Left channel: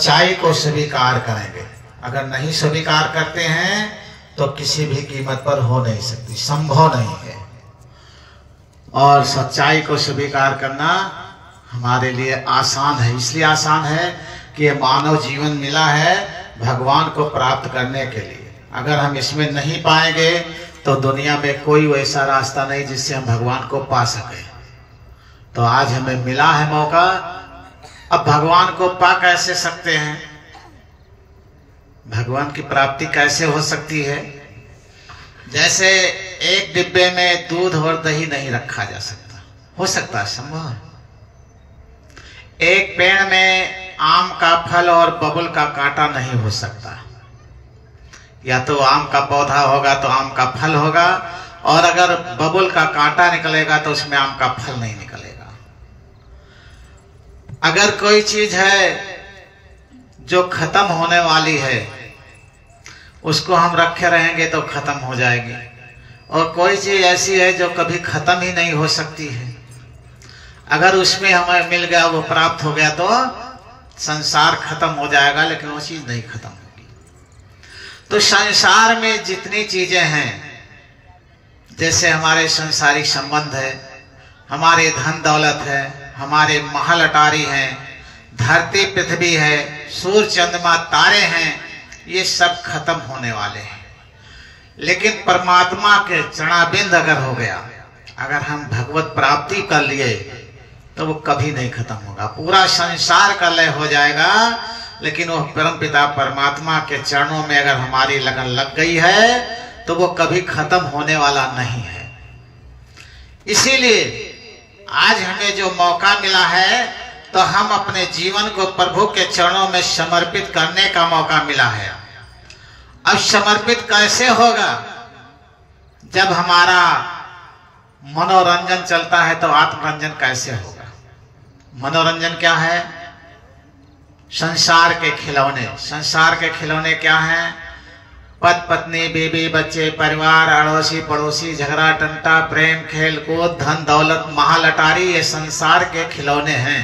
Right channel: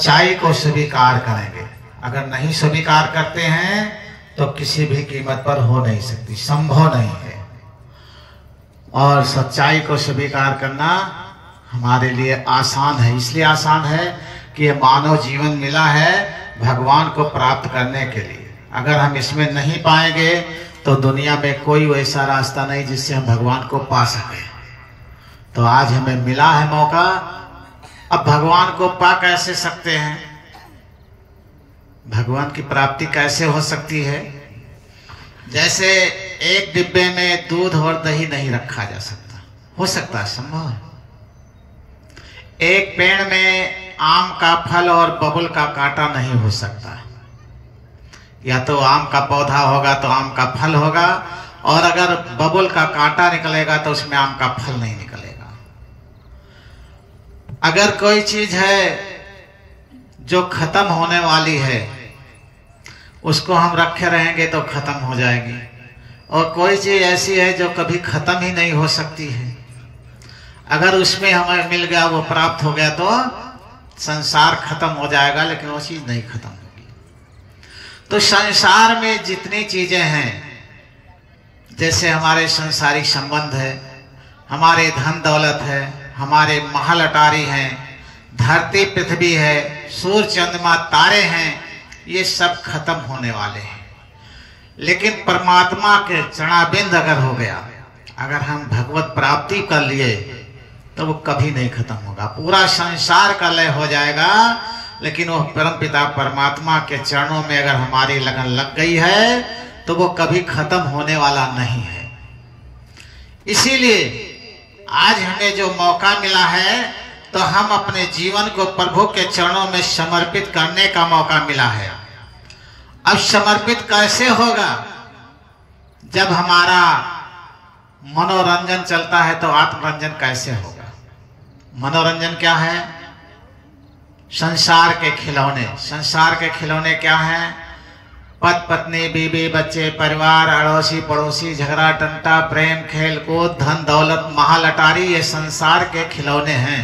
सच्चाई को स्वीकार करेंगे। अगर नहीं स्वीकार करते हैं तो किसी भी कीमत पर हो नहीं सकती, संभव नहीं है। और सच्चाई को स्वीकार करना हमारे लिए आसान है। इसलिए आसान है कि ये मानव जीवन मिला है भगवान को प्राप्त करने के लिए। अगर हम इसमें नहीं पाएंगे तो दुनिया में कोई वैसा रास्ता नहीं जिससे हम भगवान को पा सके। तो आज हमें मिला है मौका, अब भगवान को पा कैसे सकते हैं, भगवान की प्राप्ति कैसे हो सकती है। जैसे एक डिब्बे में दूध और दही नहीं रखा जा सकता, हो सकता है, संभव है। एक पेड़ में आम का फल और बबुल का कांटा नहीं हो सकता। या तो आम का पौधा होगा तो आम का फल होगा, और अगर बबुल का कांटा निकलेगा तो उसमें आम का फल नहीं निकलेगा। अगर कोई चीज है जो खत्म होने वाली है, उसको हम रखे रहेंगे तो खत्म हो जाएगी, और कोई चीज ऐसी है जो कभी खत्म ही नहीं हो सकती है, अगर उसमें हमें मिल गया, वो प्राप्त हो गया, तो संसार खत्म हो जाएगा, लेकिन वो चीज नहीं खत्म होगी। तो संसार में जितनी चीजें हैं, जैसे हमारे सांसारिक संबंध है, हमारे धन दौलत है, हमारे महल अटारी हैं, धरती पृथ्वी है, सूर्य चंद्रमा तारे हैं, ये सब खत्म होने वाले हैं। लेकिन परमात्मा के चरणाबिंद अगर हो गया, अगर हम भगवत प्राप्ति कर लिए, तो वो कभी नहीं खत्म होगा। पूरा संसार का लय हो जाएगा, लेकिन वो परमपिता परमात्मा के चरणों में अगर हमारी लगन लग गई है तो वो कभी खत्म होने वाला नहीं है। इसीलिए आज हमें जो मौका मिला है, तो हम अपने जीवन को प्रभु के चरणों में समर्पित करने का मौका मिला है। अब समर्पित कैसे होगा? जब हमारा मनोरंजन चलता है तो आत्मरंजन कैसे होगा? मनोरंजन क्या है? संसार के खिलौने। संसार के खिलौने क्या हैं? पति पत्नी, बीबी, बच्चे, परिवार, अड़ोसी पड़ोसी, झगड़ा टंटा, प्रेम, खेल कूद, धन दौलत, महल अटारी, ये संसार के खिलौने हैं।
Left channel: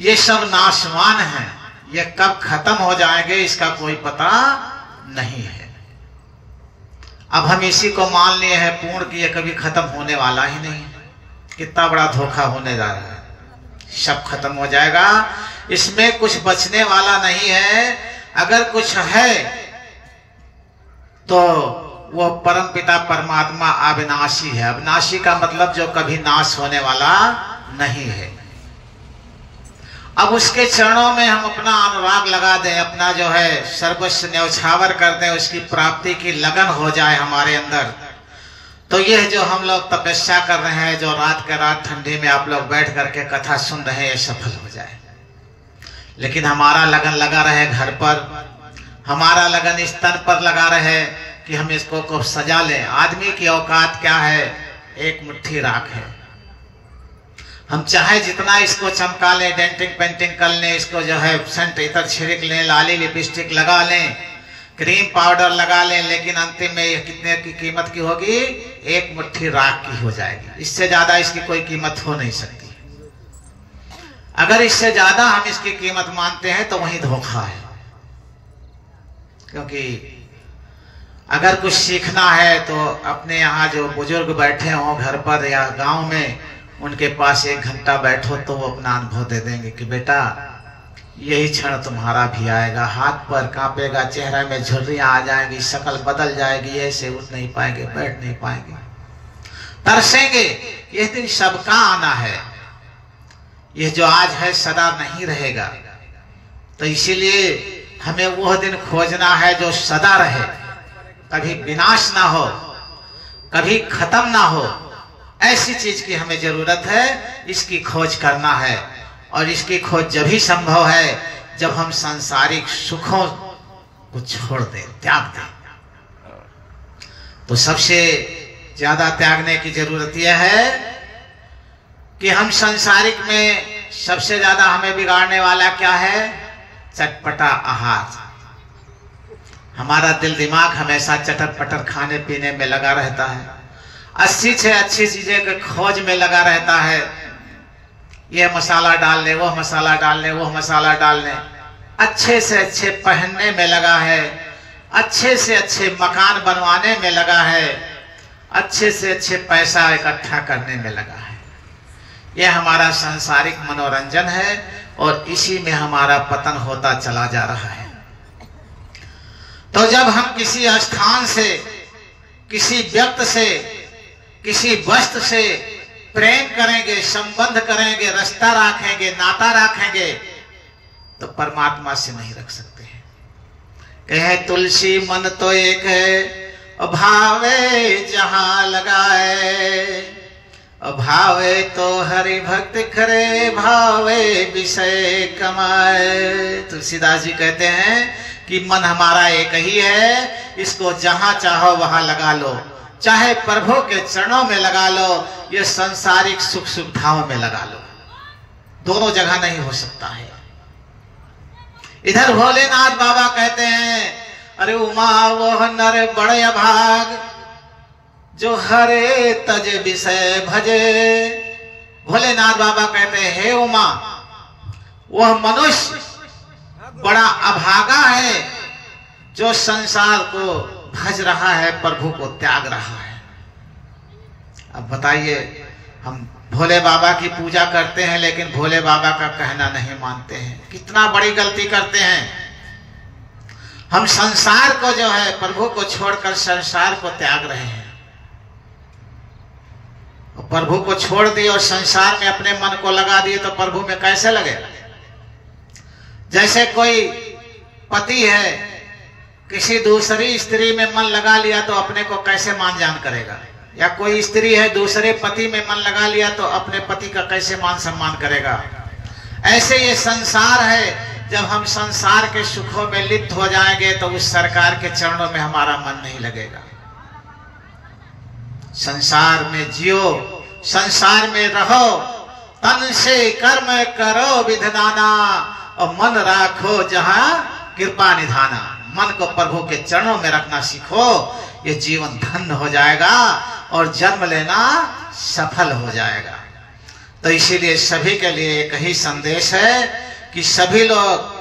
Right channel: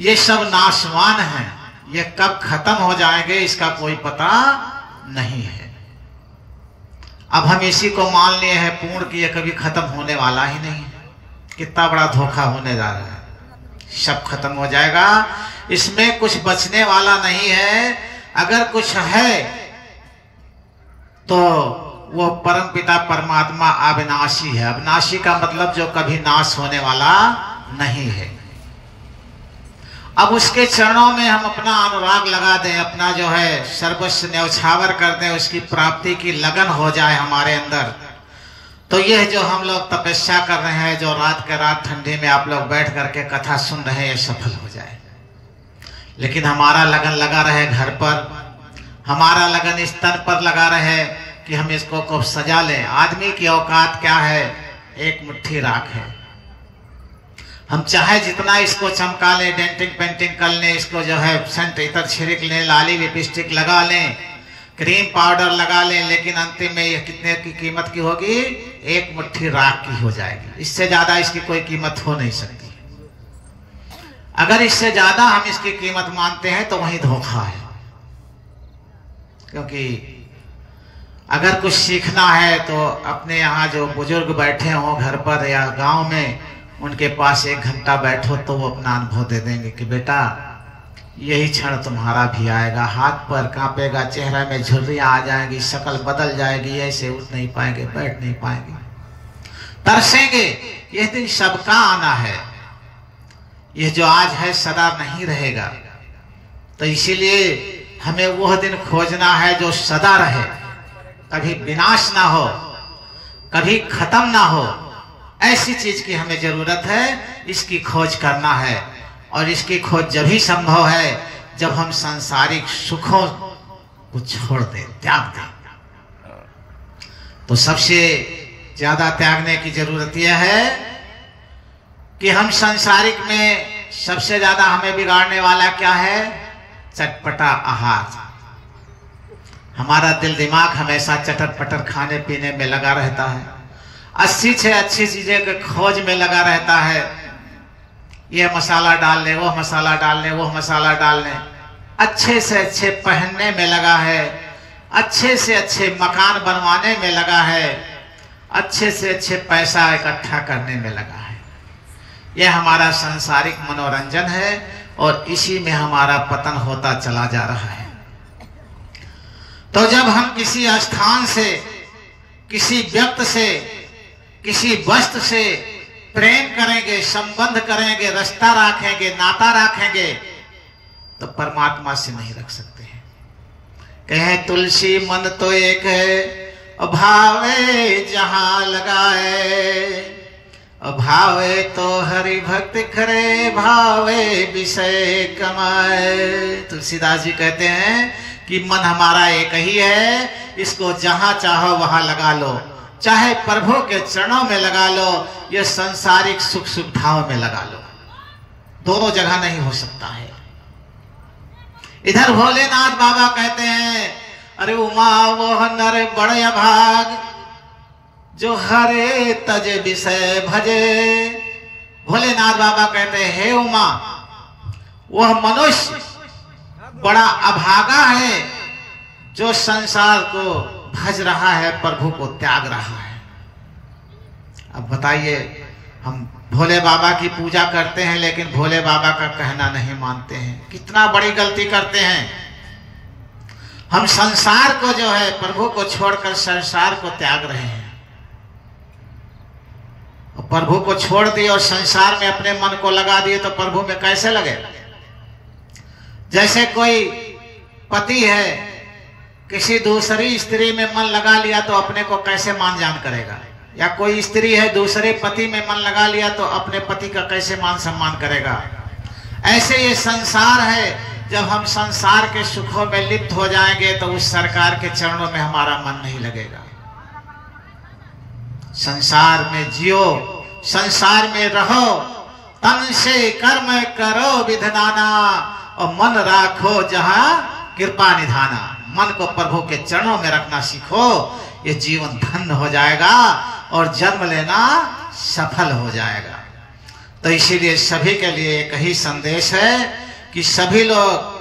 ये सब नाशवान हैं, ये कब खत्म हो जाएंगे इसका कोई पता नहीं है। अब हम इसी को मान लिए हैं पूर्ण कि ये कभी खत्म होने वाला ही नहीं है। कितना बड़ा धोखा होने जा रहा है। सब खत्म हो जाएगा, इसमें कुछ बचने वाला नहीं है। अगर कुछ है तो वो परमपिता परमात्मा अविनाशी है। अविनाशी का मतलब जो कभी नाश होने वाला नहीं है। अब उसके चरणों में हम अपना अनुराग लगा दें, अपना जो है सर्वस्व न्यौछावर कर दें, उसकी प्राप्ति की लगन हो जाए हमारे अंदर, तो यह जो हम लोग तपस्या कर रहे हैं, जो रात के रात ठंडी में आप लोग बैठ करके कथा सुन रहे हैं, ये सफल हो जाए। लेकिन हमारा लगन लगा रहे घर पर, हमारा लगन इस तन पर लगा रहे कि हम इसको को सजा लें। आदमी की औकात क्या है? एक मुट्ठी राख है। हम चाहे जितना इसको चमका लें, डेंटिंग पेंटिंग कर लें, इसको जो है सेंट इतर छिड़क लें, लाली लिपस्टिक लगा लें, क्रीम पाउडर लगा लें, लेकिन अंतिम में ये कितने की कीमत की होगी? एक मुट्ठी राख की हो जाएगी। इससे ज्यादा इसकी कोई कीमत हो नहीं सकती। अगर इससे ज्यादा हम इसकी कीमत मानते हैं तो वही धोखा है। क्योंकि अगर कुछ सीखना है तो अपने यहाँ जो बुजुर्ग बैठे हों घर पर या गांव में, उनके पास 1 घंटा बैठो तो वो अपना अनुभव दे देंगे कि बेटा यही क्षण तुम्हारा भी आएगा। हाथ पर कांपेगा, चेहरा में झुर्रियां आ जाएगी, शक्ल बदल जाएगी, ऐसे उठ नहीं पाएंगे, बैठ नहीं पाएंगे, तरसेंगे। यह दिन सबका आना है। यह जो आज है सदा नहीं रहेगा। तो इसीलिए हमें वह दिन खोजना है जो सदा रहे, कभी विनाश ना हो, कभी खत्म ना हो। ऐसी चीज की हमें जरूरत है, इसकी खोज करना है। और इसकी खोज जब ही संभव है जब हम सांसारिक सुखों को छोड़ दें, त्याग दें। तो सबसे ज्यादा त्यागने की जरूरत यह है कि हम सांसारिक में सबसे ज्यादा हमें बिगाड़ने वाला क्या है? चटपटा आहार। हमारा दिल दिमाग हमेशा चटर पटर खाने पीने में लगा रहता है, अच्छी से अच्छी चीजें के खोज में लगा रहता है। ये मसाला डाल ले, वो मसाला डाल ले, वो मसाला डाल ले, अच्छे से अच्छे पहनने में लगा है, अच्छे से अच्छे मकान बनवाने में लगा है, अच्छे से अच्छे पैसा इकट्ठा करने में लगा है। यह हमारा सांसारिक मनोरंजन है और इसी में हमारा पतन होता चला जा रहा है। तो जब हम किसी स्थान से, किसी व्यक्ति से, किसी वस्तु से प्रेम करेंगे, संबंध करेंगे, रिश्ता रखेंगे, नाता रखेंगे, तो परमात्मा से नहीं रख सकते हैं। कहे तुलसी मन तो एक है, भावे जहां लगाए, भावे तो हरि भक्ति करे, भावे विषय कमाए। तुलसीदास जी कहते हैं कि मन हमारा एक ही है, इसको जहां चाहो वहां लगा लो, चाहे प्रभु के चरणों में लगा लो, या संसारिक सुख सुविधाओं में लगा लो, दोनों जगह नहीं हो सकता है। इधर भोलेनाथ बाबा कहते हैं, अरे उमा वह नर बड़े अभाग, जो हरे तज विषय भजे। भोलेनाथ बाबा कहते हैं, हे उमा, वह मनुष्य बड़ा अभागा है जो संसार को भज रहा है, प्रभु को त्याग रहा है। अब बताइए, हम भोले बाबा की पूजा करते हैं लेकिन भोले बाबा का कहना नहीं मानते हैं, कितना बड़ी गलती करते हैं। हम संसार को जो है, प्रभु को छोड़कर संसार को त्याग रहे हैं। और प्रभु को छोड़ दिए और संसार में अपने मन को लगा दिए तो प्रभु में कैसे लगेगा? जैसे कोई पति है, किसी दूसरी स्त्री में मन लगा लिया तो अपने को कैसे मान जान करेगा, या कोई स्त्री है दूसरे पति में मन लगा लिया तो अपने पति का कैसे मान सम्मान करेगा। ऐसे ये संसार है, जब हम संसार के सुखों में लिप्त हो जाएंगे तो उस सरकार के चरणों में हमारा मन नहीं लगेगा। संसार में जियो, संसार में रहो, तन से कर्म करो विधनाना, और मन राखो जहां कृपा निधाना। मन को प्रभु के चरणों में रखना सीखो, ये जीवन धन्य हो जाएगा और जन्म लेना सफल हो जाएगा। तो इसीलिए सभी के लिए एक ही संदेश है कि सभी लोग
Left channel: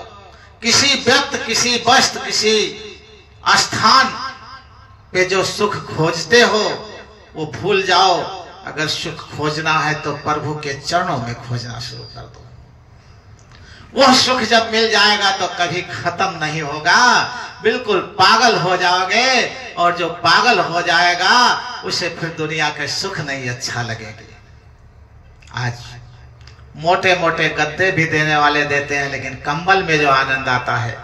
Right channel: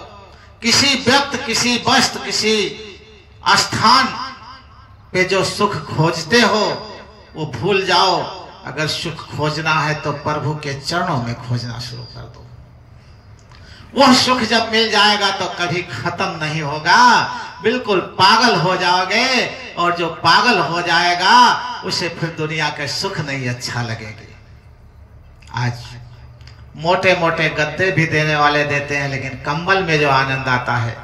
किसी व्यक्ति, किसी वस्तु, किसी स्थान पे जो सुख खोजते हो वो भूल जाओ। अगर सुख खोजना है तो प्रभु के चरणों में खोजना शुरू कर दो। वह सुख जब मिल जाएगा तो कभी खत्म नहीं होगा, बिल्कुल पागल हो जाओगे, और जो पागल हो जाएगा उसे फिर दुनिया के सुख नहीं अच्छा लगेंगे। आज मोटे मोटे गद्दे भी देने वाले देते हैं, लेकिन कंबल में जो आनंद आता है,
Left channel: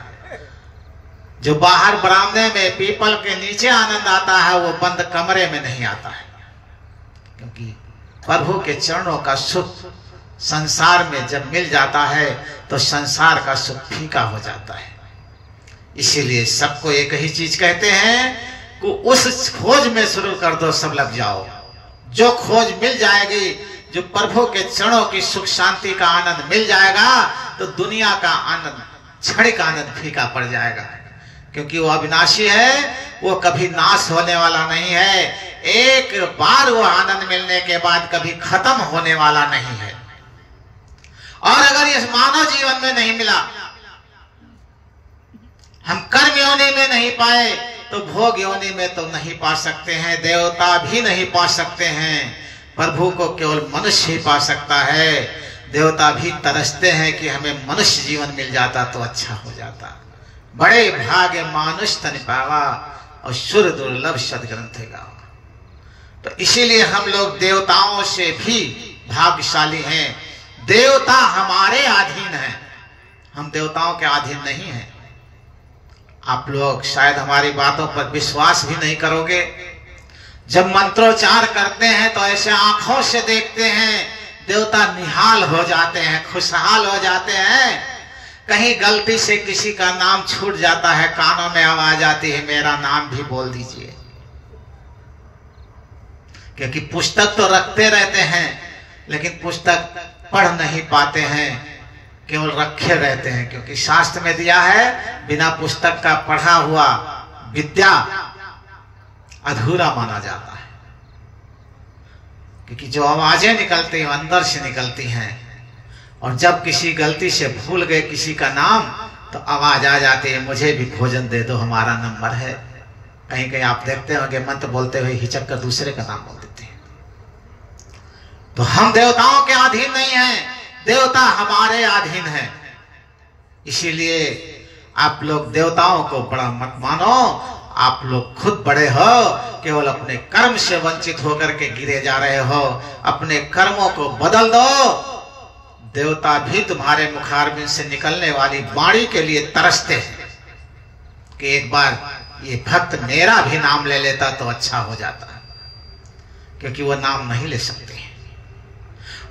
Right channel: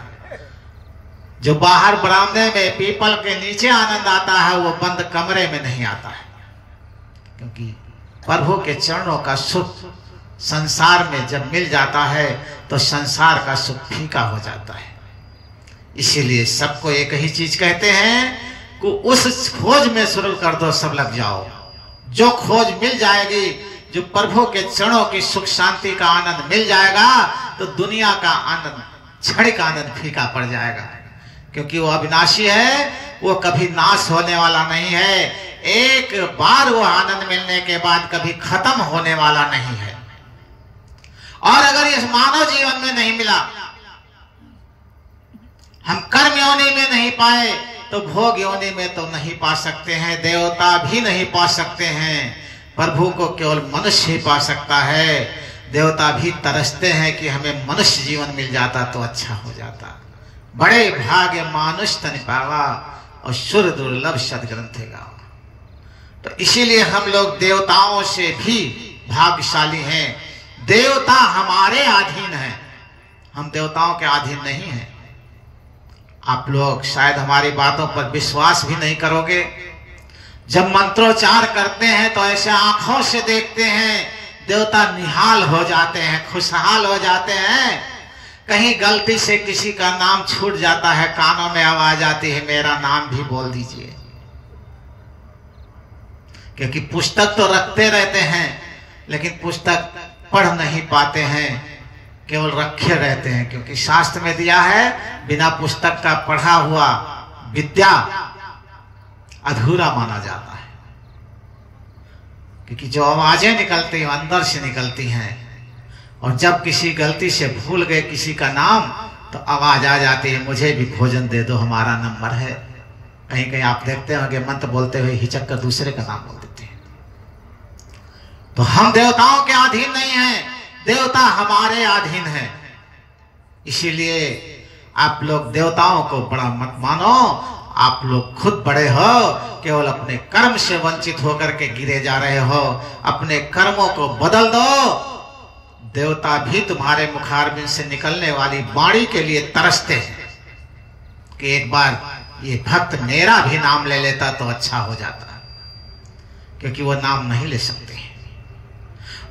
जो बाहर बरामदे में पीपल के नीचे आनंद आता है, वो बंद कमरे में नहीं आता है। क्योंकि प्रभु के चरणों का सुख संसार में जब मिल जाता है तो संसार का सुख फीका हो जाता है। इसीलिए सबको एक ही चीज कहते हैं कि उस खोज में शुरू कर दो, सब लग जाओ। जो खोज मिल जाएगी, जो प्रभु के चरणों की सुख शांति का आनंद मिल जाएगा, तो दुनिया का आनंद, क्षणिक आनंद फीका पड़ जाएगा। क्योंकि वो अविनाशी है, वो कभी नाश होने वाला नहीं है। एक बार वो आनंद मिलने के बाद कभी खत्म होने वाला नहीं है। और अगर इस मानव जीवन में नहीं मिला, हम कर्म योनि में नहीं पाए, तो भोग योनि में तो नहीं पा सकते हैं, देवता भी नहीं पा सकते हैं। प्रभु को केवल मनुष्य ही पा सकता है। देवता भी तरसते हैं कि हमें मनुष्य जीवन मिल जाता तो अच्छा हो जाता। बड़े भाग्य मानुष तन पावा, और सुर दुर्लभ सदग्रंथ गावा। तो इसीलिए हम लोग देवताओं से भी भाग्यशाली हैं। देवता हमारे अधीन हैं, हम देवताओं के अधीन नहीं हैं। आप लोग शायद हमारी बातों पर विश्वास भी नहीं करोगे। जब मंत्रोच्चार करते हैं तो ऐसे आंखों से देखते हैं, देवता निहाल हो जाते हैं, खुशहाल हो जाते हैं। कहीं गलती से किसी का नाम छूट जाता है, कानों में आवाज आती है, मेरा नाम भी बोल दीजिए। क्योंकि पुस्तक तो रखते रहते हैं, लेकिन पुस्तक पढ़ नहीं पाते हैं, केवल रखे रहते हैं। क्योंकि शास्त्र में दिया है, बिना पुस्तक का पढ़ा हुआ विद्या अधूरा माना जाता है। क्योंकि जो आवाजें निकलती हैं अंदर से निकलती हैं, और जब किसी गलती से भूल गए किसी का नाम तो आवाज आ जाती है, मुझे भी भोजन दे दो, हमारा नंबर है। कहीं कहीं आप देखते होंगे मंत्र बोलते हुए हिचक कर दूसरे का नाम बोल देते हैं। तो हम देवताओं के अधीन नहीं हैं, देवता हमारे अधीन है। इसीलिए आप लोग देवताओं को बड़ा मत मानो, आप लोग खुद बड़े हो, केवल अपने कर्म से वंचित होकर के गिरे जा रहे हो। अपने कर्मों को बदल दो। देवता भी तुम्हारे मुखारबिंद से निकलने वाली वाणी के लिए तरसते हैं कि एक बार ये भक्त मेरा भी नाम ले लेता तो अच्छा हो जाता, क्योंकि वो नाम नहीं ले सकते हैं,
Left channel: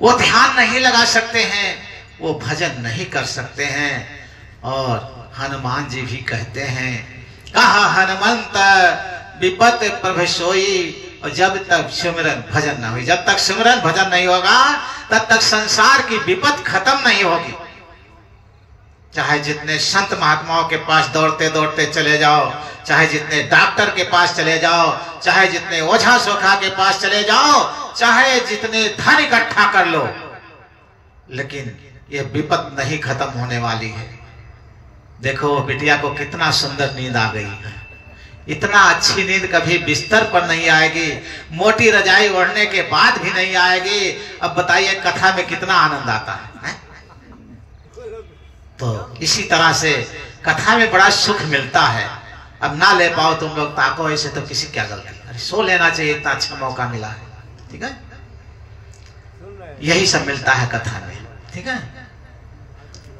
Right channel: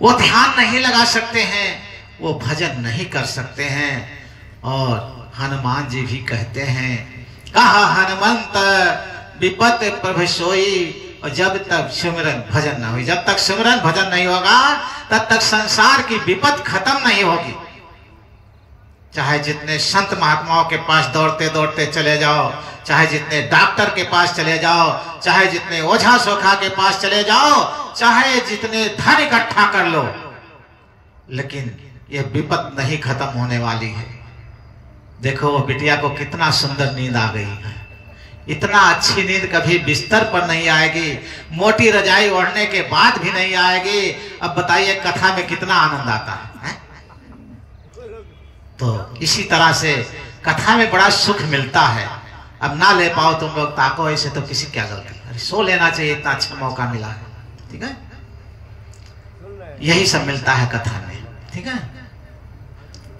वो ध्यान नहीं लगा सकते हैं, वो भजन नहीं कर सकते हैं। और हनुमान जी भी कहते हैं, कहा हनुमंत विपत प्रभ सोई। और जब तक सिमरन भजन न हुई, जब तक सिमरन भजन नहीं होगा तब तक संसार की विपत खत्म नहीं होगी। चाहे जितने संत महात्माओं के पास दौड़ते दौड़ते चले जाओ, चाहे जितने डॉक्टर के पास चले जाओ, चाहे जितने ओझा सोखा के पास चले जाओ, चाहे जितने धन इकट्ठा कर लो, लेकिन ये विपत नहीं खत्म होने वाली है। देखो वो बिटिया को कितना सुंदर नींद आ गई है। इतना अच्छी नींद कभी बिस्तर पर नहीं आएगी, मोटी रजाई ओढ़ने के बाद भी नहीं आएगी। अब बताइए कथा में कितना आनंद आता है? तो इसी तरह से कथा में बड़ा सुख मिलता है। अब ना ले पाओ तुम लोग ताको ऐसे तो किसी क्या गलती, अरे सो लेना चाहिए, इतना अच्छा मौका मिला है। ठीक है, यही सब मिलता है कथा में। ठीक है,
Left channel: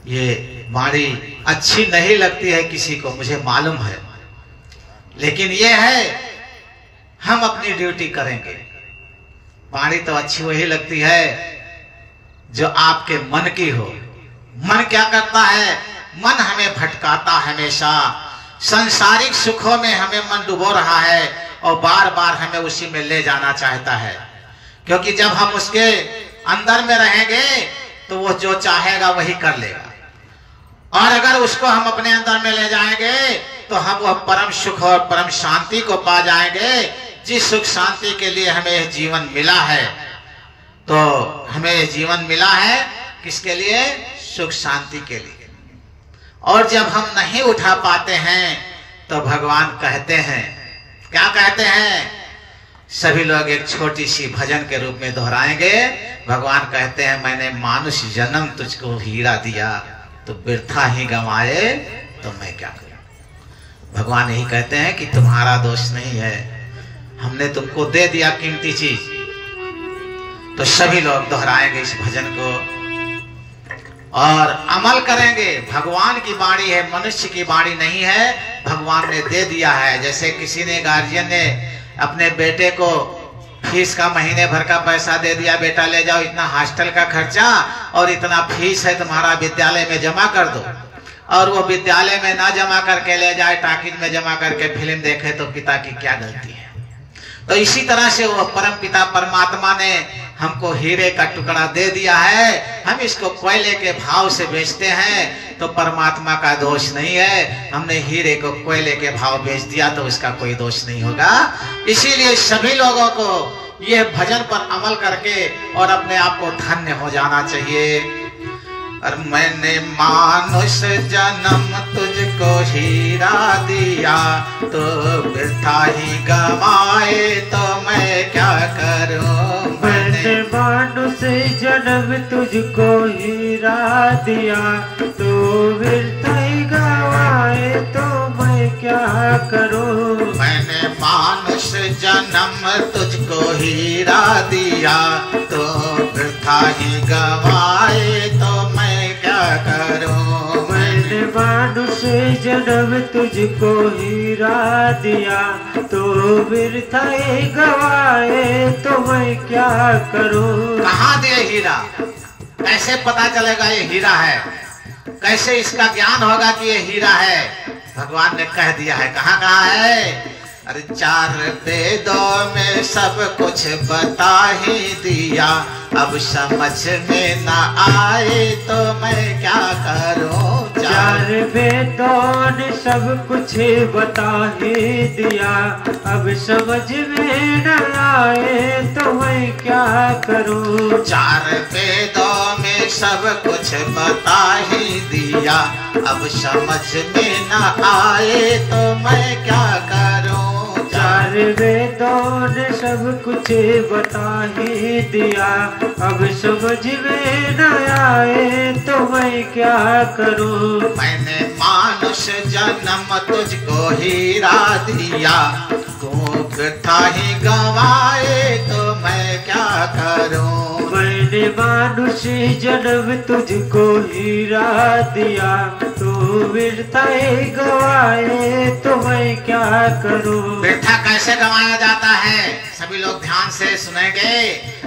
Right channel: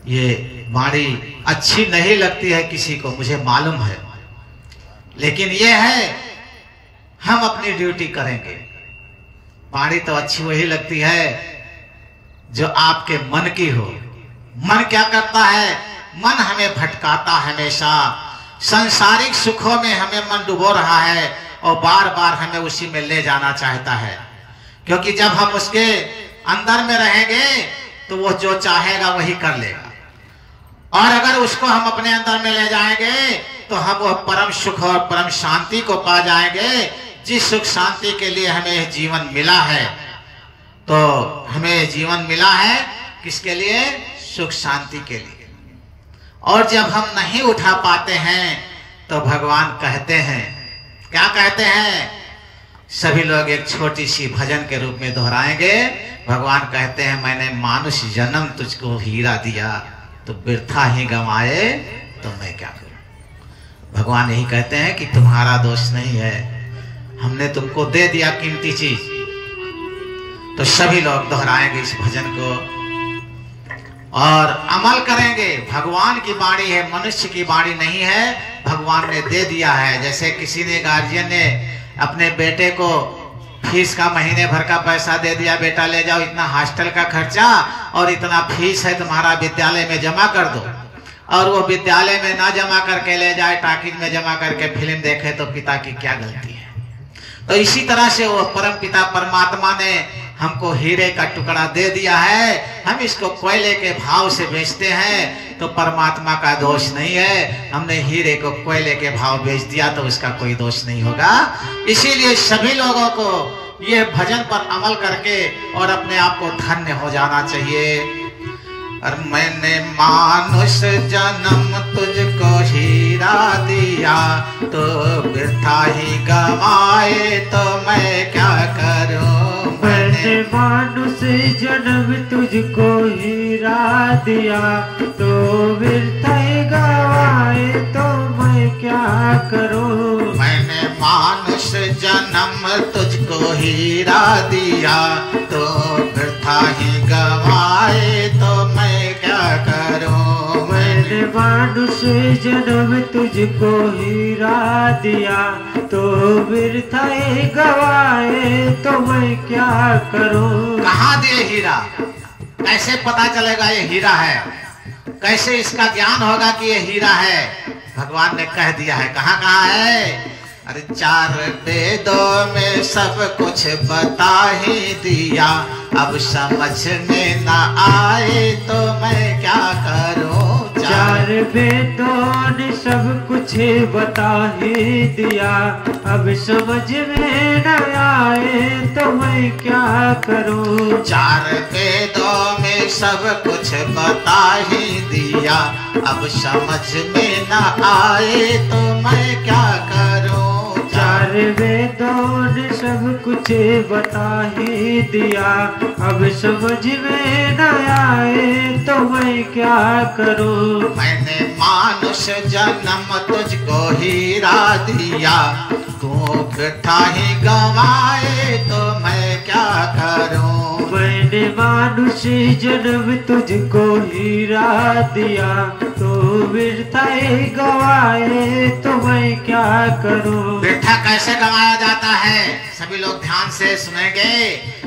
ये वाणी अच्छी नहीं लगती है किसी को, मुझे मालूम है, लेकिन ये है हम अपनी ड्यूटी करेंगे। वाणी तो अच्छी वही लगती है जो आपके मन की हो। मन क्या करता है? मन हमें भटकाता हमेशा, सांसारिक सुखों में हमें मन डुबो रहा है और बार बार हमें उसी में ले जाना चाहता है। क्योंकि जब हम उसके अंदर में रहेंगे तो वो जो चाहेगा वही कर लेगा, और अगर उसको हम अपने अंदर में ले जाएंगे तो हम वह परम सुख और परम शांति को पा जाएंगे, जिस सुख शांति के लिए हमें जीवन मिला है। तो हमें जीवन मिला है किसके लिए? सुख शांति के लिए। और जब हम नहीं उठा पाते हैं तो भगवान कहते हैं, क्या कहते हैं? सभी लोग एक छोटी सी भजन के रूप में दोहराएंगे। भगवान कहते हैं, मैंने मानुष जन्म तुझको हीरा दिया, तो व्यर्था ही गंवाए तो मैं क्या करूं। भगवान यही कहते हैं कि तुम्हारा दोष नहीं है, हमने तुमको दे दिया कीमती चीज। तो सभी लोग दोहराएंगे इस भजन को और अमल करेंगे। भगवान की वाणी है, मनुष्य की वाणी नहीं है, भगवान ने दे दिया है। जैसे किसी ने, गार्जियन ने अपने बेटे को फीस का महीने भर का पैसा दे दिया, बेटा ले जाओ, इतना हॉस्टल का खर्चा और इतना फीस है तुम्हारा, विद्यालय में जमा कर दो। और वो विद्यालय में ना जमा करके ले जाए, टाकिज में जमा करके फिल्म देखे, तो पिता की क्या गलती है? तो इसी तरह से वो परम पिता परमात्मा ने हमको हीरे का टुकड़ा दे दिया है, हम इसको कोयले के भाव से बेचते हैं, तो परमात्मा का दोष नहीं है। हमने हीरे को कोयले के भाव बेच दिया तो इसका कोई दोष नहीं होगा। इसीलिए सभी लोगों को यह भजन पर अमल करके और अपने आप को धन्य हो जाना चाहिए। और मैंने मानुष जन्म तुझको हीरा दिया, तो वृथा ही गवाए तो मैं क्या करूं। मैंने मानुष जन्म तुझको हीरा दिया, तो वृथा ही गवाए तो मैं क्या करूं। मैंने मानुष जन्म तुझको हीरा दिया, तो वृथा ही गवाए तो मैं क्या करूं। मैंने मानुष जन्म तुझको हीरा दिया, तो वृथा ही गवाए तो मैं क्या करूं। कहाँ दे हीरा? कैसे पता चलेगा ये हीरा है? कैसे इसका ज्ञान होगा कि ये हीरा है? भगवान ने कह दिया है। कहाँ कहाँ है? अरे चार वेदों में सब कुछ बता ही दिया, अब समझ में ना आए तो मैं क्या करूं। चार वेदों ने सब कुछ बता ही दिया, अब समझ में न आए तो मैं क्या करूं। चार वेदों में सब कुछ बता ही दिया, अब समझ में न आए तो मैं क्या करूं। चार वेदों ने सब कुछ बता ही दिया, अब समझ में न आए तो मैं क्या करूं। मैंने मानुष जन्म तुझको हीरा दिया, तू वृथा ही गवाए तो मैं क्या करूं। मैंने मानुष जन्म तुझको हीरा दिया, तो वृथा ही गवाए तो मैं क्या करूं। वृथा कैसे गवाया जाता है, सभी लोग ध्यान से सुनेंगे।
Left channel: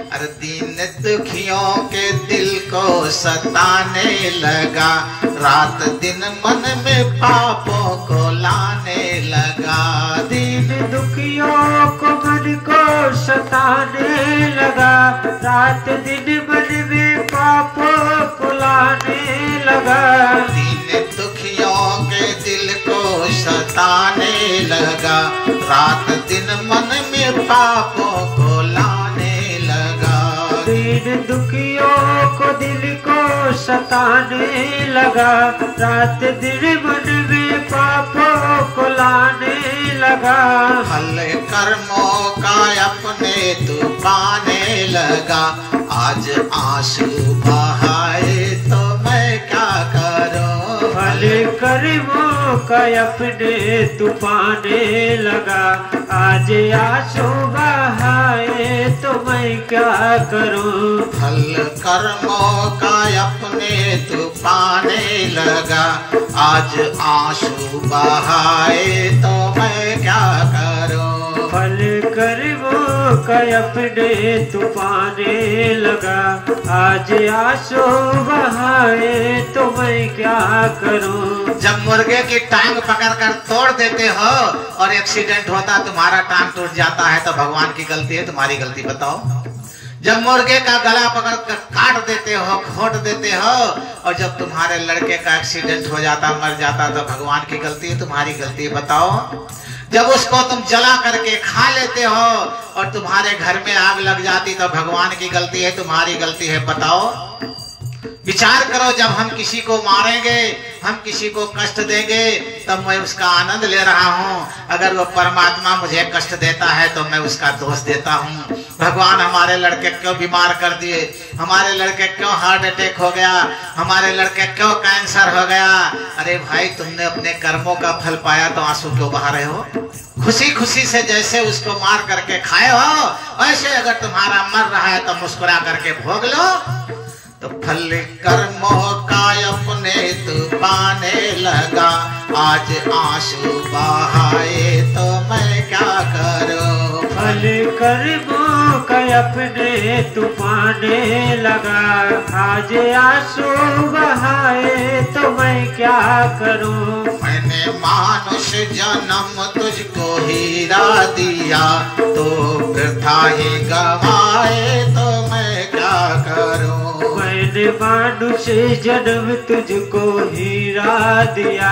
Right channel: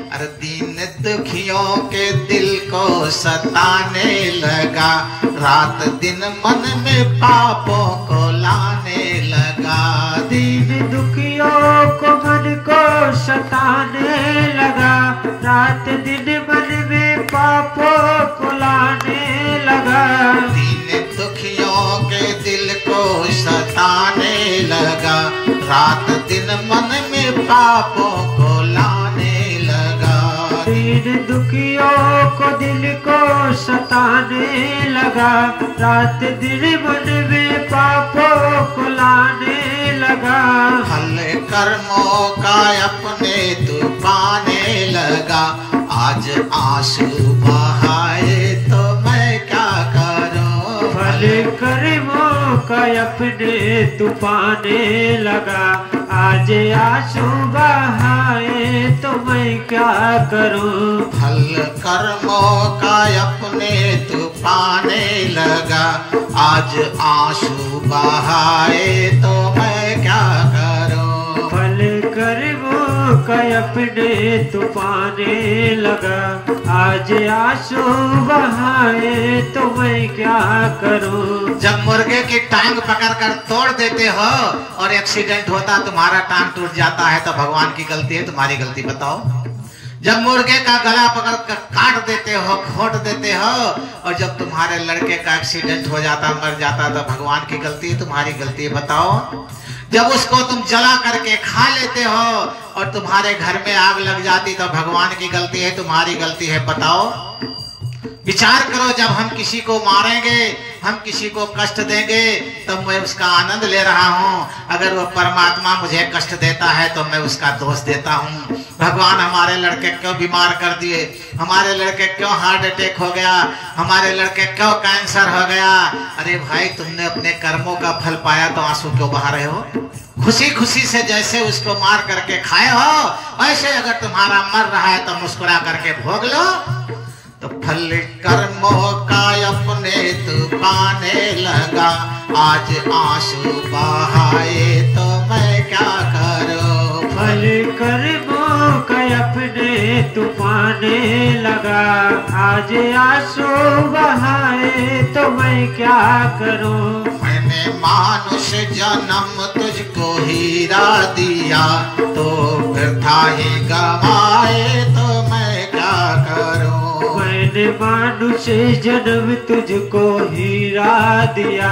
अरे दीन दुखियों के दिल को सताने लगा, रात दिन मन में पापों को लाने लगा। दीन दुखियों को मन को सताने लगा, रात दिन मन में पापों को लाने लगा। दीन दुखियों के दिल को सताने लगा, रात दिन मन में पापों को लाने लगा। दीन दुखियों को दिल को सताने लगा, रात दिन मन में पापों को लाने लगा। फल कर्मों का अपने तू पाने लगा, आज आंसू बहाए तो मैं क्या करूं। फल कर्मों का अपने तू पाने लगा, आज आंसू बहाए तो मैं क्या करूं। फल कर्मों का अपने तू पाने लगा, आज आंसू बहाए तो मैं क्या करूं। फल कर्मों का अपने तू पाने लगा, आज आंसू बहाए तो मैं क्या करूं। जब मुर्गे की टांग पकड़कर तोड़ देते हो और एक्सीडेंट होता, तुम्हारा टांग टूट जाता है, तो भगवान की गलती है तुम्हारी गलती बताओ। जब मुर्गे का गला पकड़ कर काट देते हो, खोट देते हो, और जब तुम्हारे लड़के का एक्सीडेंट हो जाता, मर जाता, तो भगवान की गलती है तुम्हारी गलती है बताओ। जब उसको तुम जला करके खा लेते हो और तुम्हारे घर में आग लग जाती, तो भगवान की गलती है तुम्हारी गलती है बताओ। विचार करो, जब हम किसी को मारेंगे, हम किसी को कष्ट देंगे, तब मैं उसका आनंद ले रहा हूँ। अगर वो परमात्मा मुझे कष्ट देता है तो मैं उसका दोष देता हूँ। भगवान हमारे लड़के क्यों बीमार कर दिए, हमारे लड़के क्यों हार्ट अटैक हो गया, हमारे लड़के क्यों कैंसर हो गया। अरे भाई, तुमने अपने कर्मों का फल पाया तो आंसू क्यों बहा रहे हो। खुशी खुशी से जैसे उसको मार करके खाए हो, ऐसे अगर तुम्हारा मर रहा है तो मुस्कुरा करके भोग लो। तो फल कर्मों का अपने तू पाने लगा, आज आंसू बहाए तो मैं क्या करूं। फल कर्मों का अपने तू पाने लगा, आज आंसू बहाए तो मैं क्या करूं। मैंने मानुष जन्म तुझको हीरा दिया, तो वृथा ही गवाए तो मैं क्या करूं। मैंने मानुष जन्म तुझको हीरा दिया,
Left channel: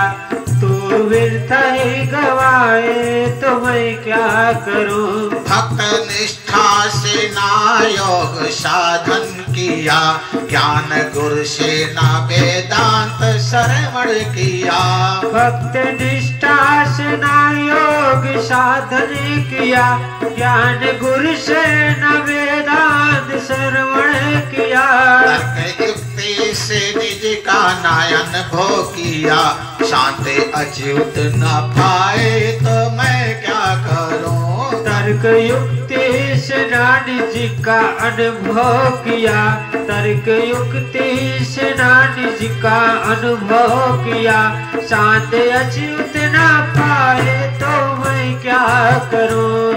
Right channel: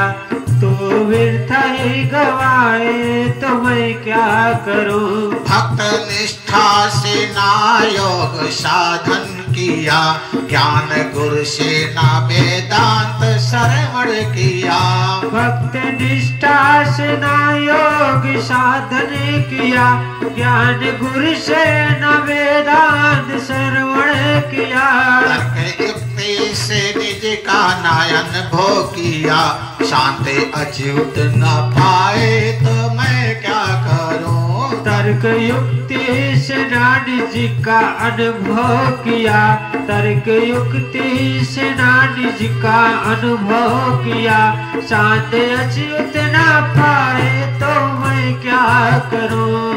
तो व्यर्थ ही गवाए तो मैं क्या करूं। भक्त निष्ठा से ना योग साधन किया, ज्ञान गुरु से ना वेदांत श्रवण किया। भक्त निष्ठा से ना योग साधन किया, ज्ञान गुरु से न वेदांत श्रवण किया। युक्ति से निज का नयन भो किया, शांति अच्युत न पाए तो मैं क्या करूं। तर्क युक्ति से निज का अनुभव किया, तर्क युक्ति से निज का अनुभव किया, शांति अच्युत न पाए तो मैं क्या करूं।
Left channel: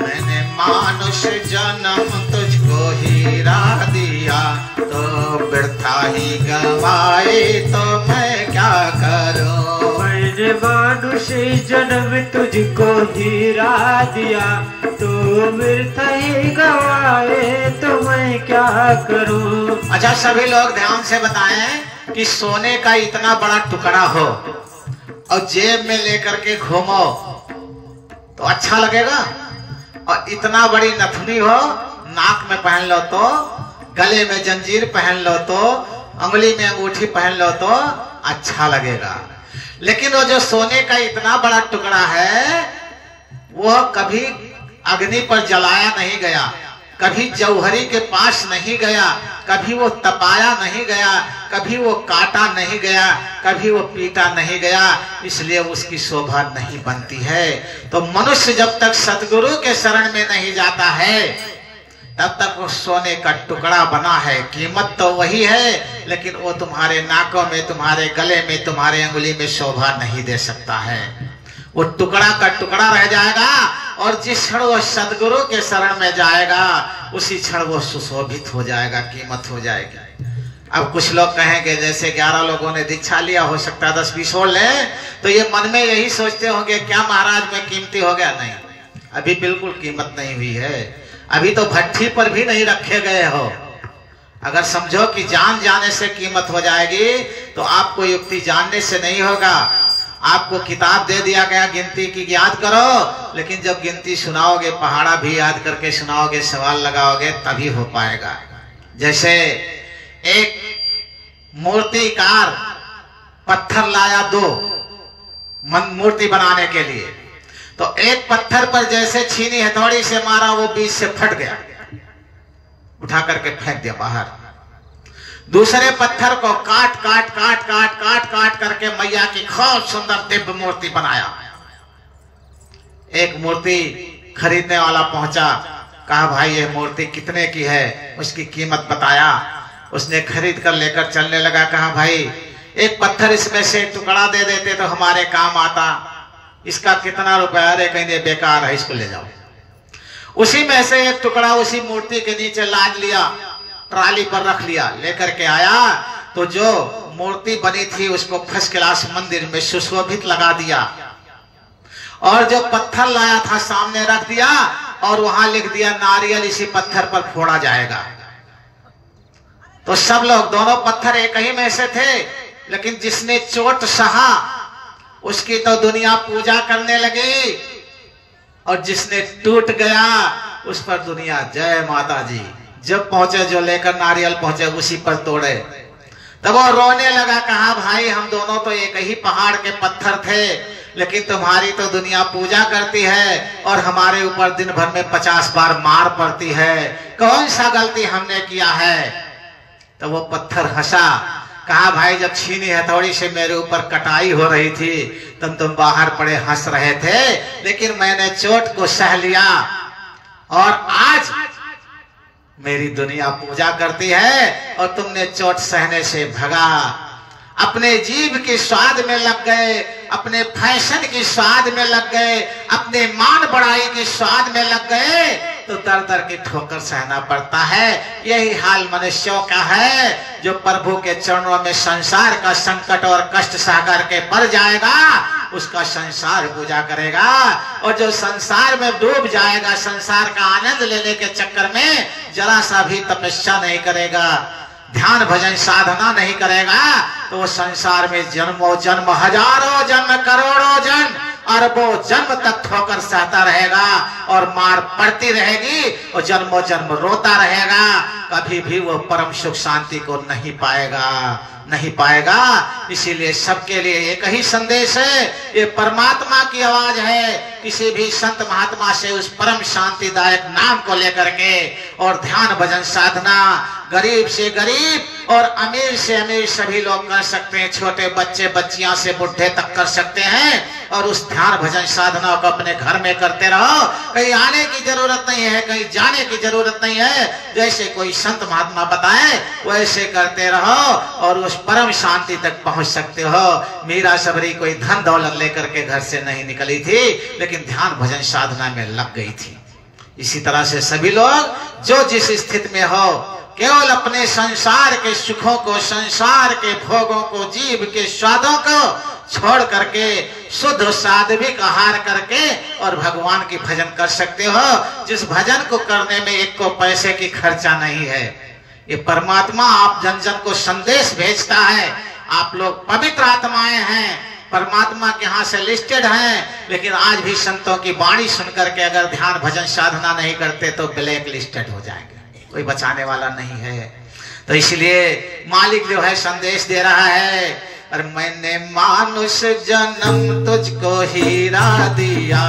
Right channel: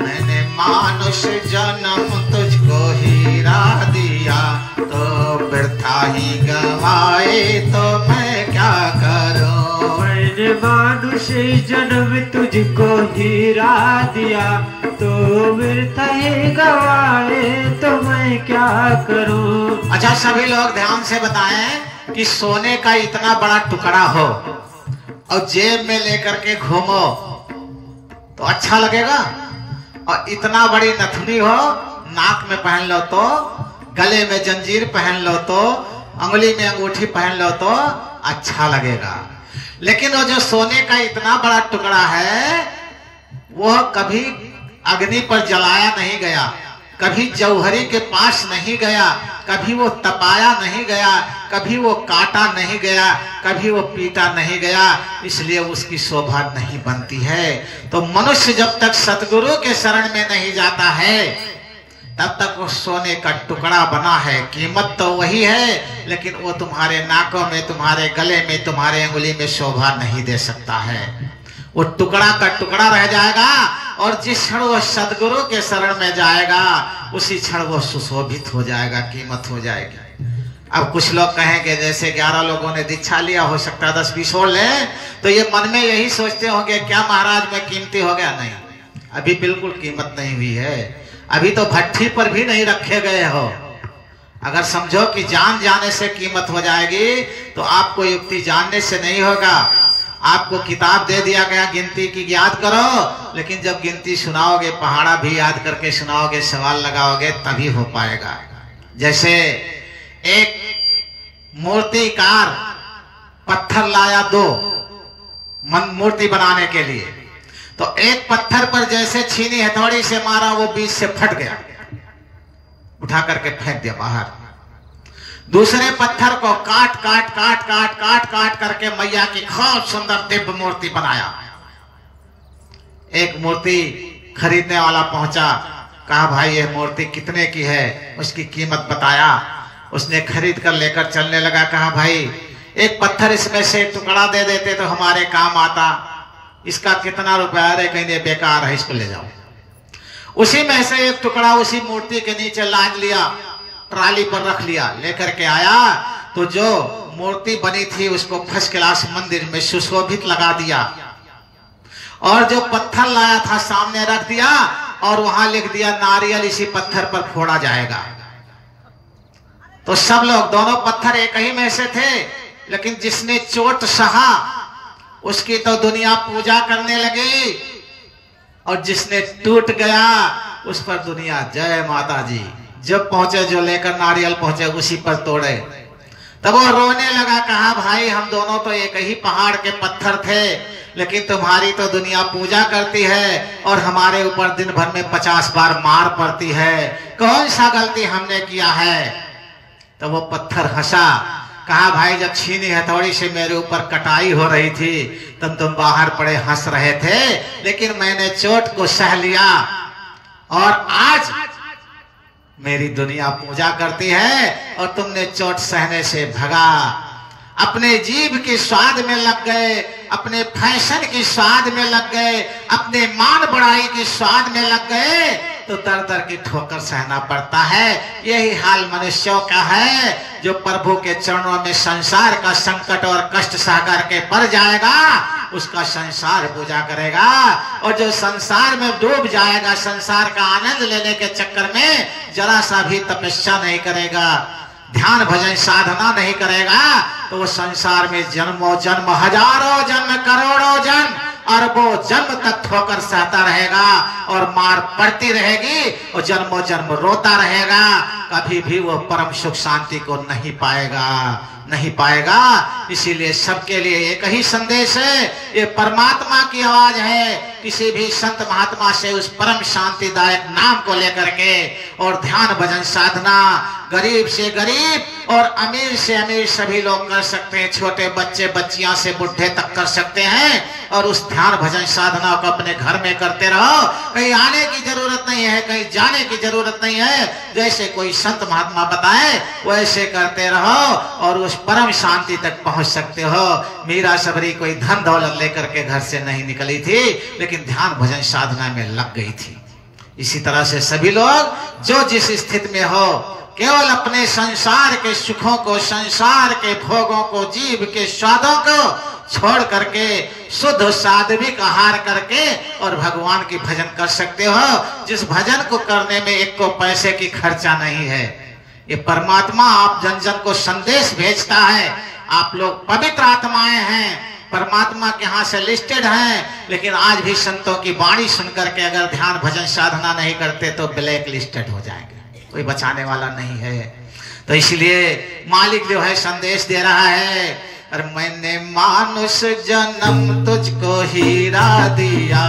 मैंने मानुष जन्म तुझको हीरा दिया, तो वृथा ही गवाए तो मैं क्या करूं। मैंने मानुष जन्म तुझको हीरा दिया, तो वृथा ही गवाए तो मैं क्या करूं। अच्छा, सभी लोग ध्यान से बताएं कि सोने का इतना बड़ा टुकड़ा हो और जेब में लेकर के घूमो तो अच्छा लगेगा, और इतना बड़ी नथनी हो नाक में पहन लो तो गले में जंजीर पहन लो तो, अंगुली में अंगूठी पहन लो तो अच्छा लगेगा। लेकिन वो जो सोने का इतना बड़ा टुकड़ा है वो कभी अग्नि पर जलाया नहीं गया, कभी जौहरी के पास नहीं गया, कभी वो तपाया नहीं गया, कभी वो काटा नहीं गया, कभी वो पीटा नहीं गया, इसलिए उसकी शोभा नहीं बनती है। तो मनुष्य जब तक सतगुरु के शरण में नहीं जाता है तब तक वो सोने का टुकड़ा बना है। कीमत तो वही है, लेकिन वो तुम्हारे नाकों में, तुम्हारे गले में, तुम्हारे अंगुली में शोभा नहीं दे सकता है। वो टुकड़ा का टुकड़ा रह जाएगा और जिस क्षण वो सदगुरु के शरण में जाएगा उसी क्षण वो सुशोभित हो जाएगा, कीमत हो जाएगी। अब कुछ लोग कहेंगे जैसे 11 लोगों ने दीक्षा लिया, हो सकता है 10-20 और ले, तो ये मन में यही सोचते होंगे क्या महाराज में कीमती हो गया? नहीं, अभी बिल्कुल कीमत नहीं हुई है। अभी तो भट्ठी पर भी नहीं रखे गए हो। अगर समझो कि जान जाने से कीमत हो जाएगी तो आपको युक्ति जानने से नहीं होगा। आपको किताब दे दिया गया गिनती की, याद करो, लेकिन जब गिनती सुनाओगे, पहाड़ा भी याद करके सुनाओगे, सवाल लगाओगे, तभी हो पाएगा। जैसे एक मूर्तिकार पत्थर लाया 2 मूर्ति बनाने के लिए, तो एक पत्थर पर जैसे छीनी हथौड़ी से मारा वो बीच से फट गया, उठा करके फेंक दिया बाहर। दूसरे पत्थर को काट काट काट काट काट काट करके मैया की खूब सुंदर दिव्य मूर्ति बनाया। एक मूर्ति खरीदने वाला पहुंचा, कहा भाई ये मूर्ति कितने की है? उसकी कीमत बताया, उसने खरीद कर लेकर चलने लगा। कहा भाई एक पत्थर इसमें से टुकड़ा दे देते तो हमारे काम आता, इसका कितना रुपया? अरे कहीं बेकार है, इसको ले जाओ। उसी में से एक टुकड़ा उसी मूर्ति के नीचे लाद लिया, ट्राली पर रख लिया, लेकर के आया तो जो मूर्ति बनी थी उसको फर्स्ट क्लास मंदिर में सुशोभित लगा दिया, और जो पत्थर लाया था सामने रख दिया और वहां लिख दिया नारियल इसी पत्थर पर फोड़ा जाएगा। तो सब लोग, दोनों पत्थर एक ही में से थे, लेकिन जिसने चोट सहा उसकी तो दुनिया पूजा करने लगी, और जिसने टूट गया उस पर दुनिया जय माता जी। जब पहुंचे, जो लेकर नारियल पहुंचे उसी पर तोड़े, तब वो रोने लगा। कहा भाई हम दोनों तो एक ही पहाड़ के पत्थर थे, लेकिन तुम्हारी तो दुनिया पूजा करती है और हमारे ऊपर दिन भर में 50 बार मार पड़ती है, कौन सा गलती हमने किया है? तो वो पत्थर हंसा, कहा भाई जब छीनी हथौड़ी से मेरे ऊपर कटाई हो रही थी तब तुम बाहर पड़े हंस रहे थे, लेकिन मैंने चोट को सह लिया और आज मेरी दुनिया पूजा करती है और तुमने चोट सहने से भगा। अपने जीभ के स्वाद में लग गए, अपने फैशन की स्वाद में लग गए, अपने मान बढ़ाई के स्वाद में लग गए, तो दर दर की ठोकर सहना पड़ता है। यही हाल मनुष्यों का है, जो प्रभु के चरणों में संसार का संकट और कष्ट सह करके पड़ जाएगा, उसका संसार पूजा करेगा, और जो संसार में डूब जाएगा, संसार का आनंद लेने के चक्कर में जरा सा भी तपस्या नहीं करेगा, ध्यान भजन साधना नहीं करेगा, तो वो संसार में जन्मों जन्म, हजारों जन्म, करोड़ों जन्म, अरबों जन्म तक ठोकर सहता रहेगा और मार पड़ती रहेगी और जन्मों जन्म रोता रहेगा। कभी भी वो परम सुख शांति को नहीं पाएगा, नहीं पाएगा। इसीलिए सबके लिए एक ही संदेश है, ये परमात्मा की आवाज है। किसी भी संत महात्मा से उस परम शांतिदायक नाम को लेकर के, और ध्यान भजन साधना गरीब से गरीब और अमीर से अमीर सभी लोग कर सकते हैं, छोटे बच्चे बच्चियां से बुढ़े तक कर सकते हैं। और उस ध्यान भजन साधना को अपने घर में करते रहो, कहीं आने की जरूरत नहीं है, कहीं जाने की जरूरत नहीं है। जैसे कोई संत महात्मा बताए वैसे करते रहो और उस परम शांति तक पहुंच सकते हो। मीरा सबरी कोई धन दौलत लेकर के घर से नहीं निकली थी, लेकिन ध्यान भजन साधना में लग गई थी। इसी तरह से सभी लोग जो जिस स्थिति में हो, केवल अपने संसार के सुखों को, संसार के भोगों को, जीव के स्वादों को छोड़ करके शुद्ध सात्विक आहार करके और भगवान की भजन कर सकते हो, जिस भजन को करने में एक को पैसे की खर्चा नहीं है। ये परमात्मा आप जन जन को संदेश भेजता है। आप लोग पवित्र आत्माएं हैं, परमात्मा के यहाँ से लिस्टेड हैं, लेकिन आज भी संतों की वाणी सुन करके अगर ध्यान भजन साधना नहीं करते तो ब्लैक लिस्टेड हो जाएंगे। कोई बचाने वाला नहीं है। तो इसलिए मालिक जो है संदेश दे रहा है, और मैंने मानुष जन्म तुझको हीरा दिया,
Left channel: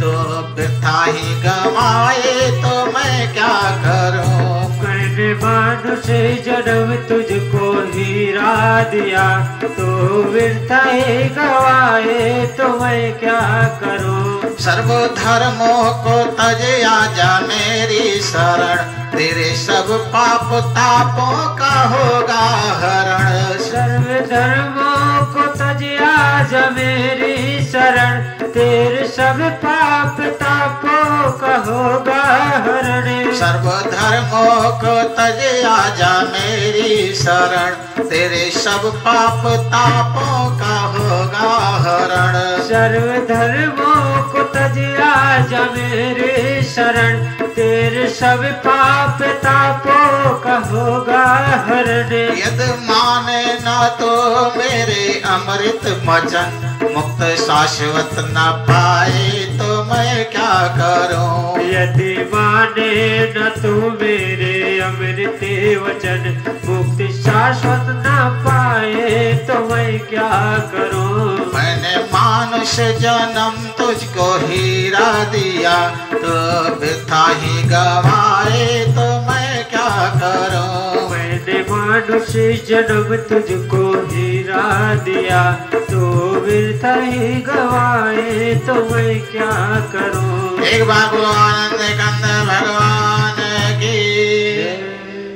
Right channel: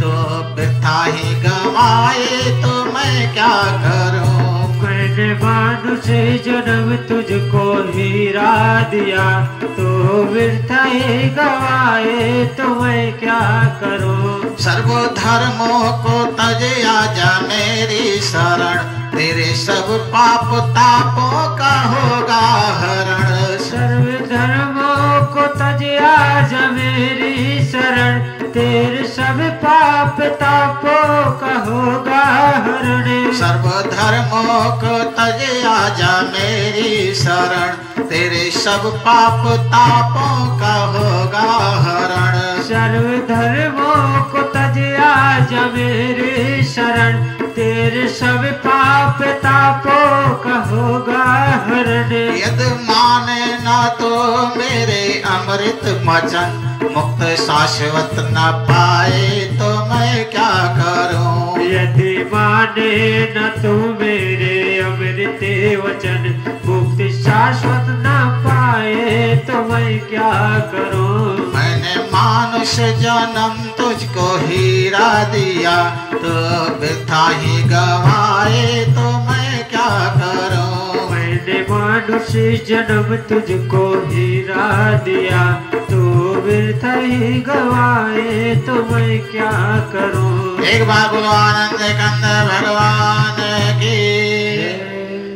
तो वृथा ही गवाए तो मैं क्या करूं। मैंने मानुष जन्म तुझको हीरा दिया, तो वृथा ही गवाए तो मैं क्या करूं। सर्वधर्मों को तजे आजा मेरी शरण, तेरे सब पाप तापों का होगा हरण। सर्वधर्मों को तजे आजा मेरी शरण, तेरे सब पाप तापों का होगा हरण। सर्वधर्मों को तजे आजा मेरी शरण, तेरे सब पाप तापों का होगा हरण। सर्वधर्मों को तजे आजा मेरे शरण, तेरे सब पाप तापों का होगा हरण। यदि माने न तो मेरे अमृत वचन, मुक्त शाश्वत न पाए तो मैं क्या करूं। यदि माने न तो मेरे अमृत वचन, मुक्त शाश्वत न पाए तो मैं क्या करूं। मैंने मानुष जन्म तुझको हीरा दिया, तो वृथा ही गवाए तो मैं क्या करूं। मैंने मानुष जन्म तुझको हीरा दिया, तो वृथा ही गवाए तो मैं क्या करूं। एक बार बोलो आनंद कंद भगवान की।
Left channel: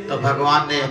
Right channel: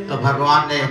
तो भगवान ने